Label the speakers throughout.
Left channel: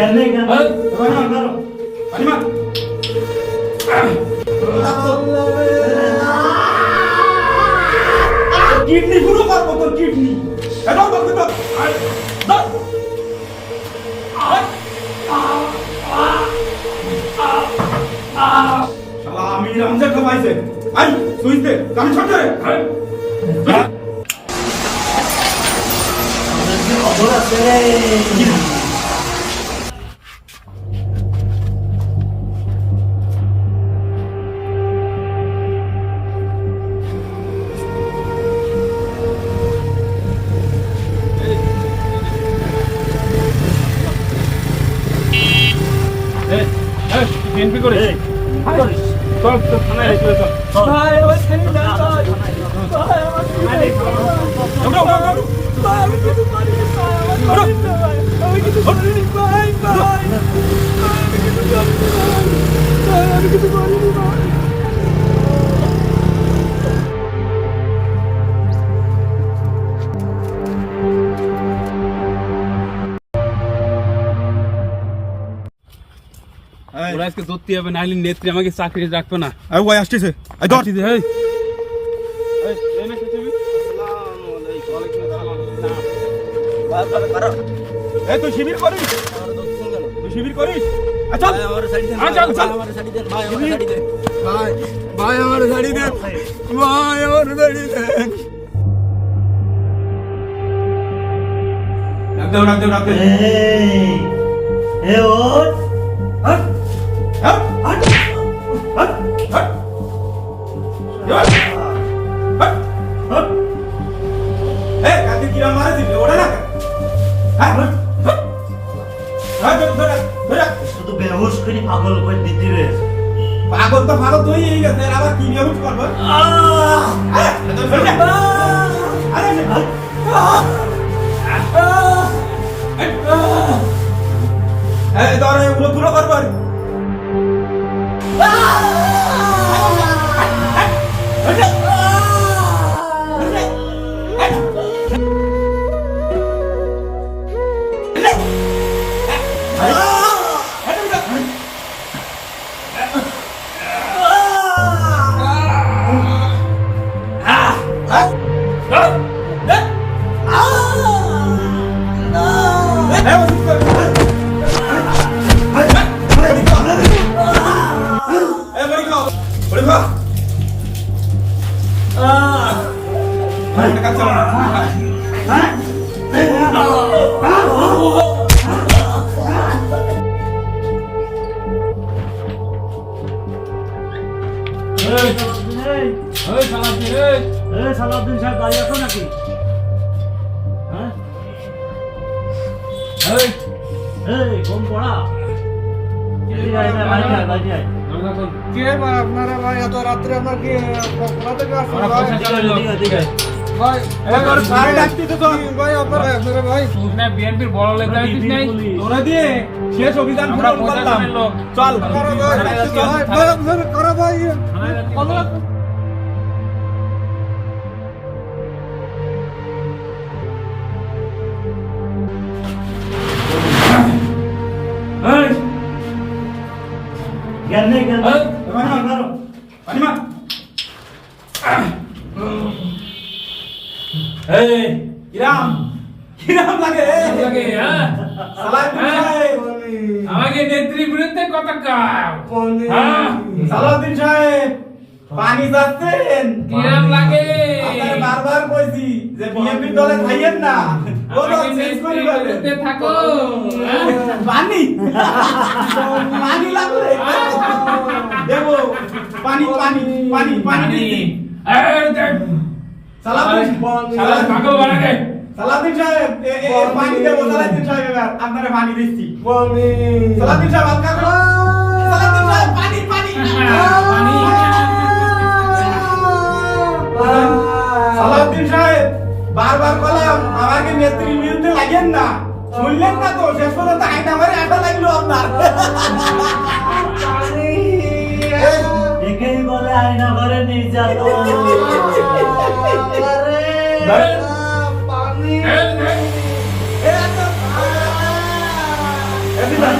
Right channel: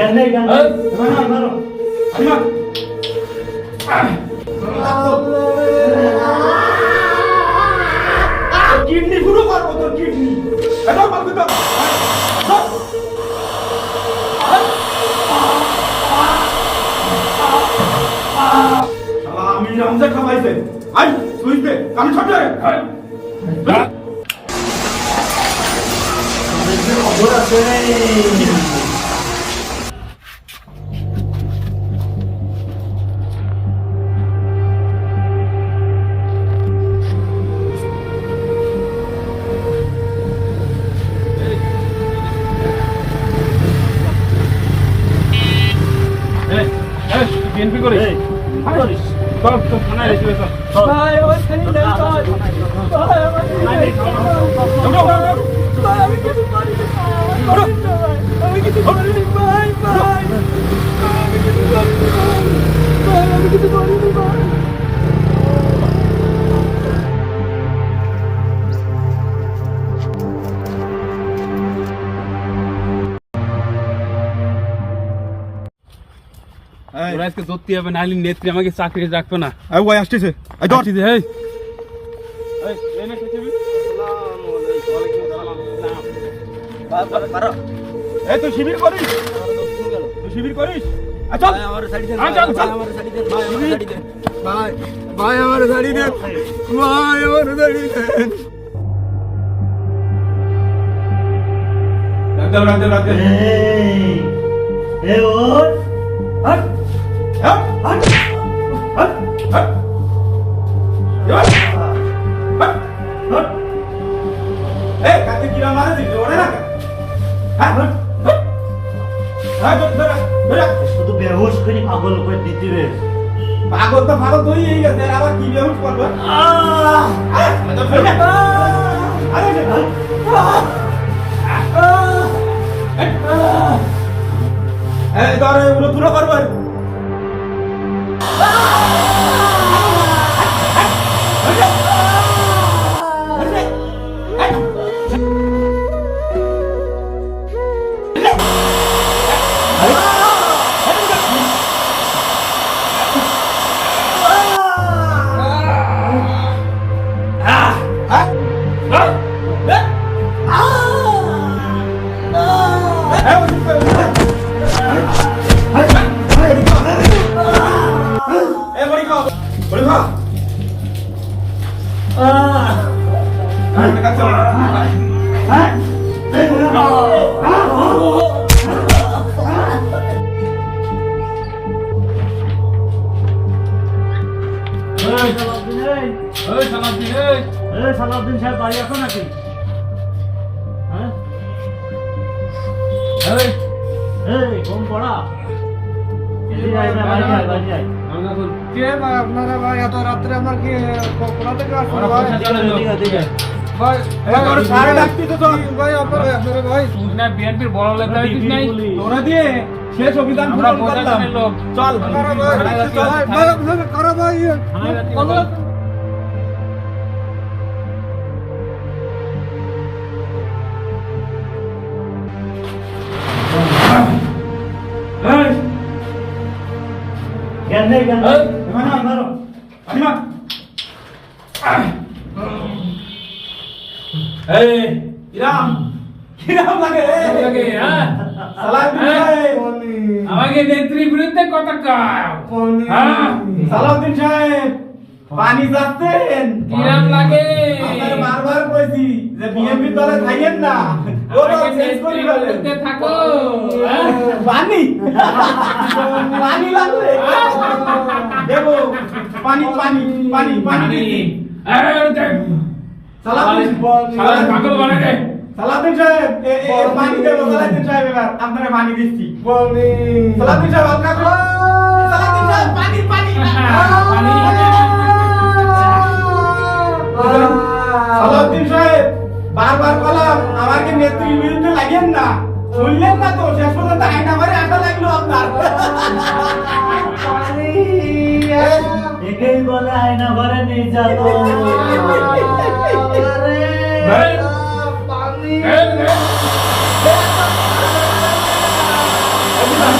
Speaker 1: জ্ঞান নেই
Speaker 2: তোমার নাম ধরো। আনিমা কিডনি পুরো পারব তোর কিডনি। এটা পারব তো আমি রমজান খাবাইছে আই সুইচ দে কাম ছোট রে। আই
Speaker 1: কি করিস?
Speaker 2: চল চল থানায় চল
Speaker 1: চল।
Speaker 3: ভাই আমার ছেড়ে দেন ভাই। ভাই আমার। ভাই আমি কিছু করিনি ভাই। আমি কিছু করিনি ভাই ভাই।
Speaker 4: আজকে ধরতে হবে নাহলে নেত্রী আমাকে চাকরি রাখবে না।
Speaker 2: এই ওই আসতেছে এই ধর।
Speaker 4: আসছি যে, এই।
Speaker 2: এই এই না খেতে এই তুই শিবির করিস? তুই শিবির করিস? আচ্ছা আচ্ছা আচ্ছা
Speaker 3: ভাই ভাই আমার শাড়ি দেন। ভাই আমার শাড়ি দেন।
Speaker 2: রাখ দাও রাখ দাও রাখ দাও।
Speaker 1: এই, এ ওর
Speaker 2: হট
Speaker 1: শুধু বেহুশ করে পাগল করে দিতি রে
Speaker 2: পাগল তো পাগল তুই এই গেছে আবার কি বেহুশ করবে ধরে উড়ো পুরো করবে
Speaker 1: Ah! নাকি হ্যাঁ
Speaker 4: এই
Speaker 1: এই ঘুম পড়া
Speaker 3: আপনারা ভাই এত রাত্রে আমার কি কোথা থেকে
Speaker 4: আসলে
Speaker 3: ভাই
Speaker 2: শেষ অভিযান পূরণ করলাম চল
Speaker 3: করা ভাই
Speaker 4: নেত্রী বিরুদ্ধে কত
Speaker 2: সালাউদ্দিন সাহেব পানি যাচ্ছেন
Speaker 4: কিরাম লাগে
Speaker 2: বারবার কইছি যে বিএনপি দলে থাকেন না
Speaker 4: থাকো
Speaker 2: পানি পানি লাগলে পানি পানি পানি পানি দিচ্ছি। সালাউদ্দিন
Speaker 4: শালা পাগল
Speaker 2: সালাউদ্দিন সাহেব পানি দেবো সালাউদ্দিন সাহেব এবার আপনারা পানি দিচ্ছি। সালাউদ্দিন সাহেব হালকা করে। সালাউদ্দিন সাহেব পানি পানি।
Speaker 4: পানি।
Speaker 2: সালাউদ্দিন সাহেব বারবার বললাম আমাকে নেত্রীর বিরুদ্ধে লাগেন না? শুনলেন না তো? শেষ পর্যন্ত আইনা মারে আটা লাগল আপনার।
Speaker 1: দেখেই বলে আয়না ঘরে নির্যাতন
Speaker 2: হ্যাঁ, হ্যাঁ।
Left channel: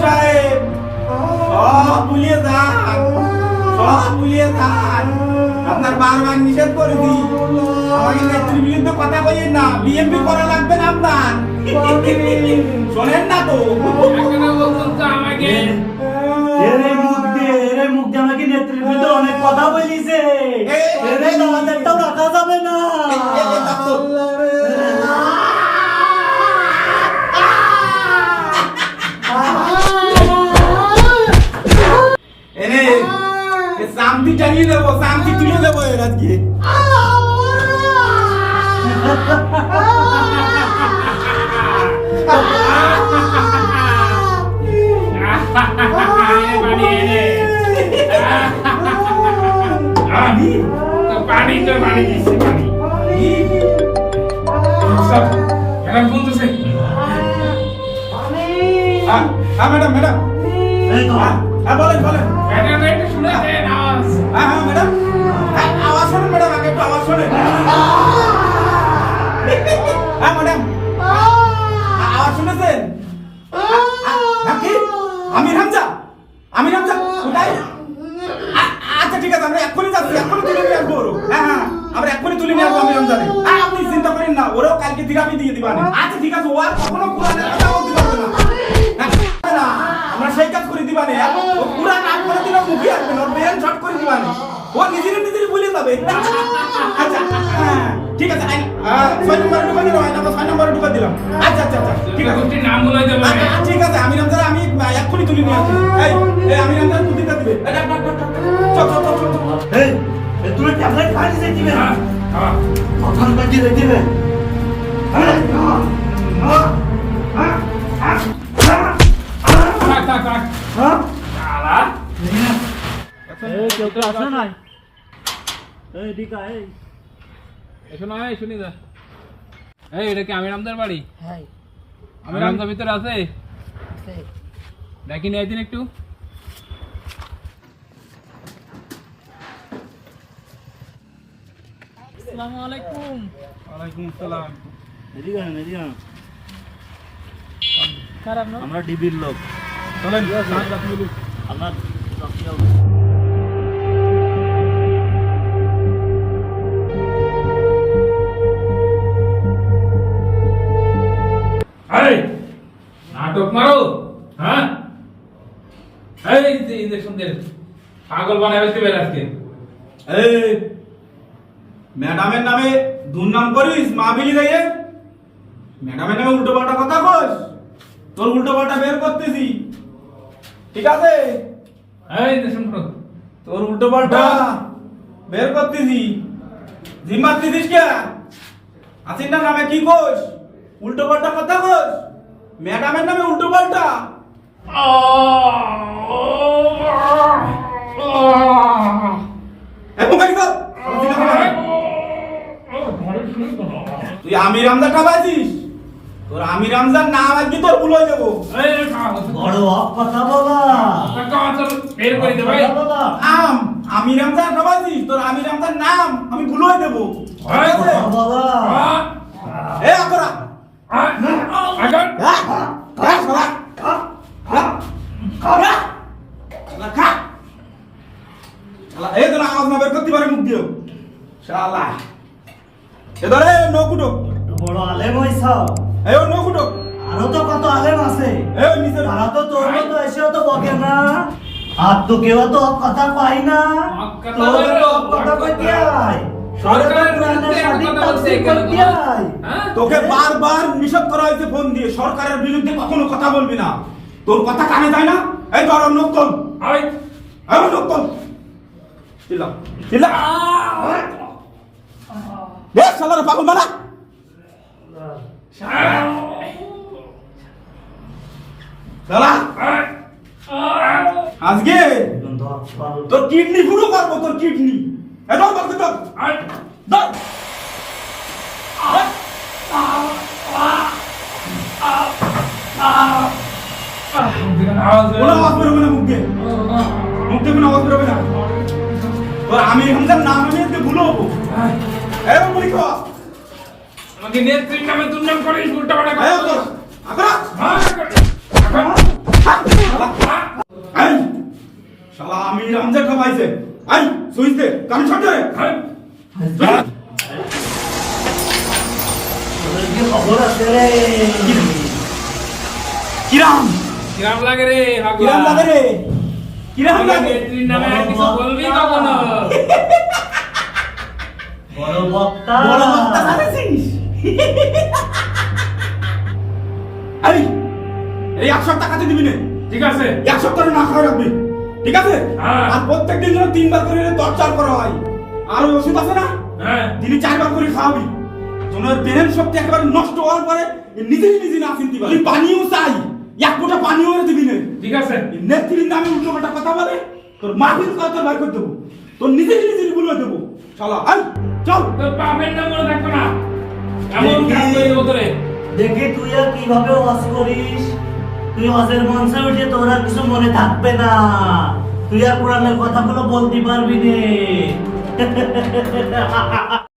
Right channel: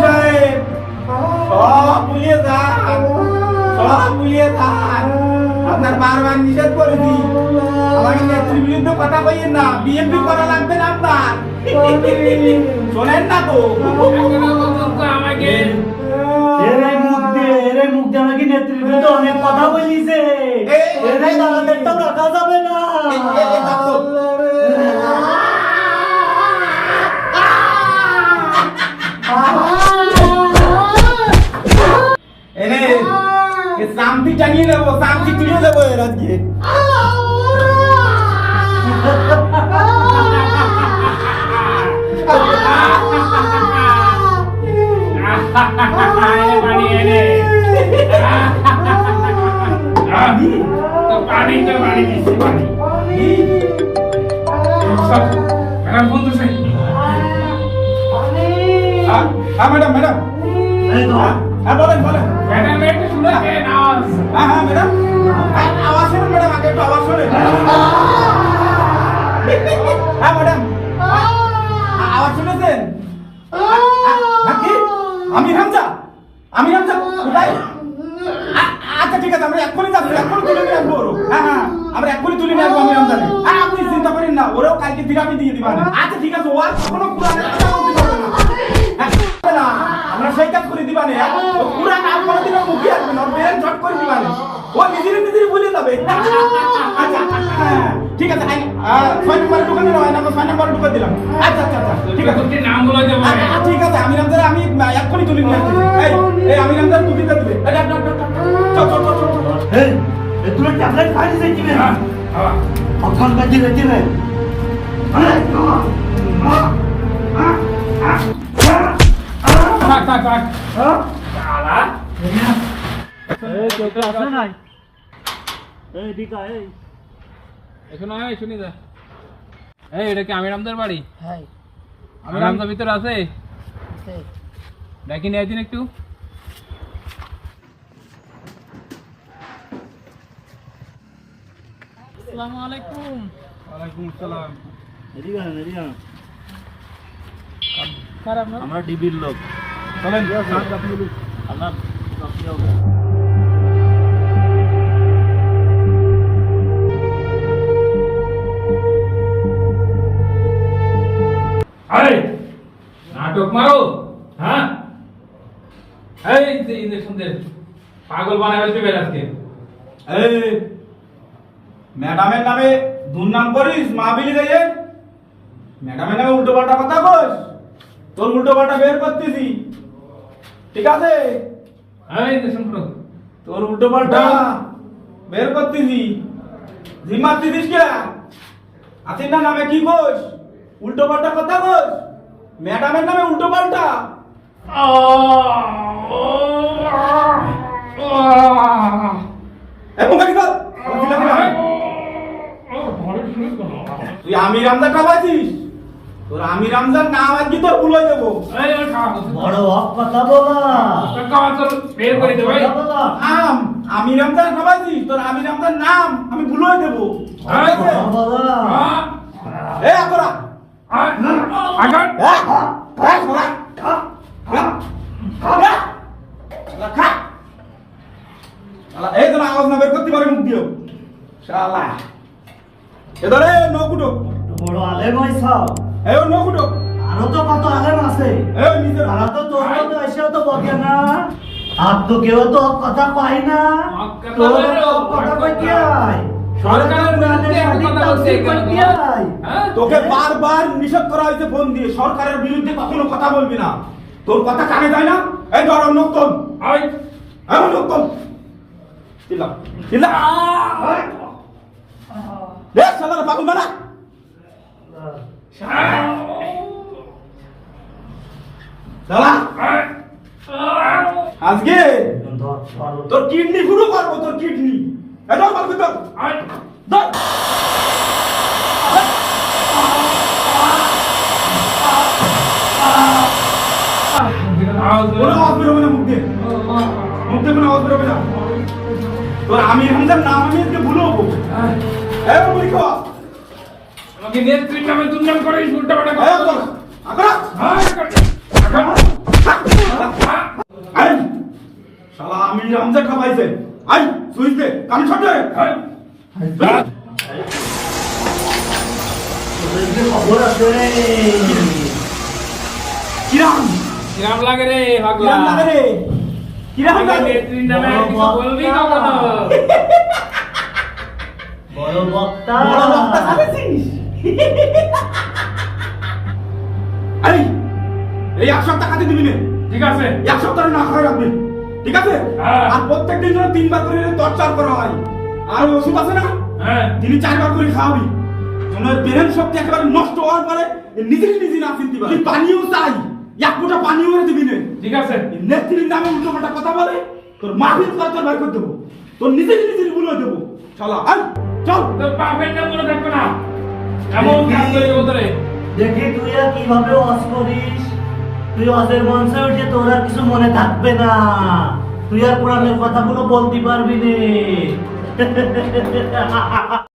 Speaker 2: সাহেব সব ভুলিয়ে দাও। সব ভুলিয়ে দাও। আপনার বারবার নিষেধ করেছি আমাকে নেতৃবৃন্দ কথা বলেন না করা লাগবে না আপনার শোনেন না তো
Speaker 4: আমাকে
Speaker 1: নেতৃবৃন্দ অনেক কথা বলিছে যাবে না
Speaker 2: শান্তি টাঙিয়ে দেবো শান্তি তুলে দেবো এর আজকে।
Speaker 4: পানি তো পানি দিচ্ছি পানি। ম্যাডাম
Speaker 2: হ্যাঁ ম্যাডাম ম্যাডাম। হ্যাঁ বলেন বলেন। হ্যাঁ হ্যাঁ ম্যাডাম। হ্যাঁ, আওয়াজ শোনেন ম্যাডাম একটু আওয়াজ শোনেন হ্যাঁ ম্যাডাম। আওয়াজ শুনেছেন? হ্যাঁ, আমির হামজা? আমির হামজা আচ্ছা ঠিক আছে আমরা এক্ষুনি যাচ্ছি এক্ষুনি তুলে নিয়ে আসব হ্যাঁ হ্যাঁ আমরা এক্ষুনি তুলে নিয়ে আসব আমির হ্যাঁ আপনি চিন্তা করেন না ওরাও কালকে থিরাপি দিয়ে দিবেন আচ্ছা ঠিক আছে ও আর কখনো কোরআনের না। হ্যাঁ, না আমরা সেই কাজ করে দিবানে ও পুরা দিলে মুখে আসবে না ওর ব্রেন শর্ট করে দিবানে ও নিজের নিজেরই ভুলে যাবে। আচ্ছা হ্যাঁ ঠিক আছে ছয় নম্বরে ঢুকে দিলাম আই নাম্বার ছয় নম্বরে ঢুকে দিলাম। আচ্ছা আচ্ছা আচ্ছা ঠিক আছে।
Speaker 4: নাম বলে দেবো।
Speaker 2: আচ্ছা, আচ্ছা, ঠিক আছে আমি রমজান আমি এক্ষুনি তুলে নিয়ে আসছি। এই এই আমি রমজান তুই দিতে দিবে। চল চল চল চল,
Speaker 1: এই, তুমি ট্যাবলেট খাই দিতে দিবে
Speaker 4: হ্যাঁ হ্যাঁ।
Speaker 1: কখন বাজিয়ে দিবে
Speaker 4: থাক থাক থাক। শালা।
Speaker 1: এই কেউ
Speaker 4: এটা কি আমির বাড়ি
Speaker 3: হ্যাঁ
Speaker 4: ভিতরে আছে ডাকি নিয়ে দিন একটু
Speaker 3: আসসালামু আলাইকুম
Speaker 2: ওয়ালাইকুম আসসালাম
Speaker 1: এদিকে আন, এদিকে আন। আমরা ডিবির লোক
Speaker 2: চলেন
Speaker 1: আপনার
Speaker 4: নাটক মারো হ্যাঁ? এই ইঞ্জেকশন দে পাগল বানাবে দিবে আজকে।
Speaker 2: এই, ম্যাডামের নামে দুর্নাম করিস মাহবিলি গাইয়ে ম্যাডামের নামে উল্টো পাল্টা কথা কস, তোর উল্টো পাল্টা বের করতেছি। ঠিক আছে?
Speaker 4: এই
Speaker 2: তোর উল্টো পাল্টা। বের করতেছি। জিম্মার দিদিস কে? আছিস না নামে কি কোস উল্টো পাল্টা কথা কোস ম্যাডামের নামে উল্টো পাল্টা। এ মুখারি কর তুই আমির রমজান না আমার তোর ভুল দেবো যাব।
Speaker 1: বড় বাবা কথা
Speaker 4: বের করে
Speaker 2: আম আমি রমজান খাবাইছিস তোর আমি রমজান নাম আমি ভুল হয়ে দেবো
Speaker 1: বাবা?
Speaker 2: এ না।
Speaker 1: আর তো কেউ তো কথা পাই না।
Speaker 4: কথা
Speaker 1: তো কইতে আয়।
Speaker 4: হ্যাঁ?
Speaker 2: তোকে বারবার নিষেধ করা হয়েছে ফোন দিয়ে। সরকারের বিরুদ্ধে কখনো কথা বলবি না। তোর কথা কানে যায় না? এই ধর অন্য লোক তোল চিল্লা চিল্লা দেখ শালার পাগল বানা শালা আজকে
Speaker 1: কিন্তু হক পারো।
Speaker 2: তোর কিডনি পুরো করব তোর কিডনি এই ধর ধর ধর ধর। কোনো আওয়াজ বেরোবে না মুখ। দিয়ে মুখ দিয়ে কোনো আওয়াজ বেরোবে না। তোর আমি হামজার নাম আমি আজকে ভুলে হব। এই বলি
Speaker 4: আমাকে নেত্রীর নামে দুর্নাম করিস উল্টা পাল্টা হ্যাঁ, এখন
Speaker 2: হ্যাঁ রামজা খাবাইছে আই সুইচ দে কান ছড় দে
Speaker 1: রে
Speaker 2: কিরাম?
Speaker 4: কিরাম লাগে রে পাগলা
Speaker 2: কিরাম লাগে রে। কিরাম লাগে।
Speaker 4: নেত্রীর নামে কিছু বলবি কখনো?
Speaker 1: বড় বক্তা।
Speaker 2: বড় বক্তা এই এই এক সপ্তাহ দিবি না।
Speaker 4: ঠিক আছে।
Speaker 2: এক সপ্তাহ না খাওয়া রাখবি ঠিক আছে?
Speaker 4: হ্যাঁ।
Speaker 2: আর প্রত্যেক দিন যেন তিনবার করে তরচার করা হয়। আর ওষুধ আছে না?
Speaker 4: হ্যাঁ।
Speaker 2: দিনে চারবার করে খাওয়াবি। ওর ব্রেন শক্তি একেবারে নষ্ট হওয়ার পরে নিজেই নিজে না চিনতে পারে পানিও চাই। এক ফোঁটা পানিও দিবি না।
Speaker 4: ঠিক আছে।
Speaker 2: নেত্রীর নামে উল্টো পাল্টা কথা বলে তোর মাফির কথা তোর বার করে দেবো। তোর নিজে নিজে বলে দেবো। চলো আই চল।
Speaker 4: তোর বাপের নাম মনে থাকবে না। এমন কাজ করে দেবো তোরে
Speaker 1: দেখি তুই আর কীভাবে ওয়াজ করিস। তুই ওয়াজের মঞ্চে উঠে তোর আর কিছু মনে থাকবে না। তুই আর কোরআনের কথাগুলো বলতে পারবি নে।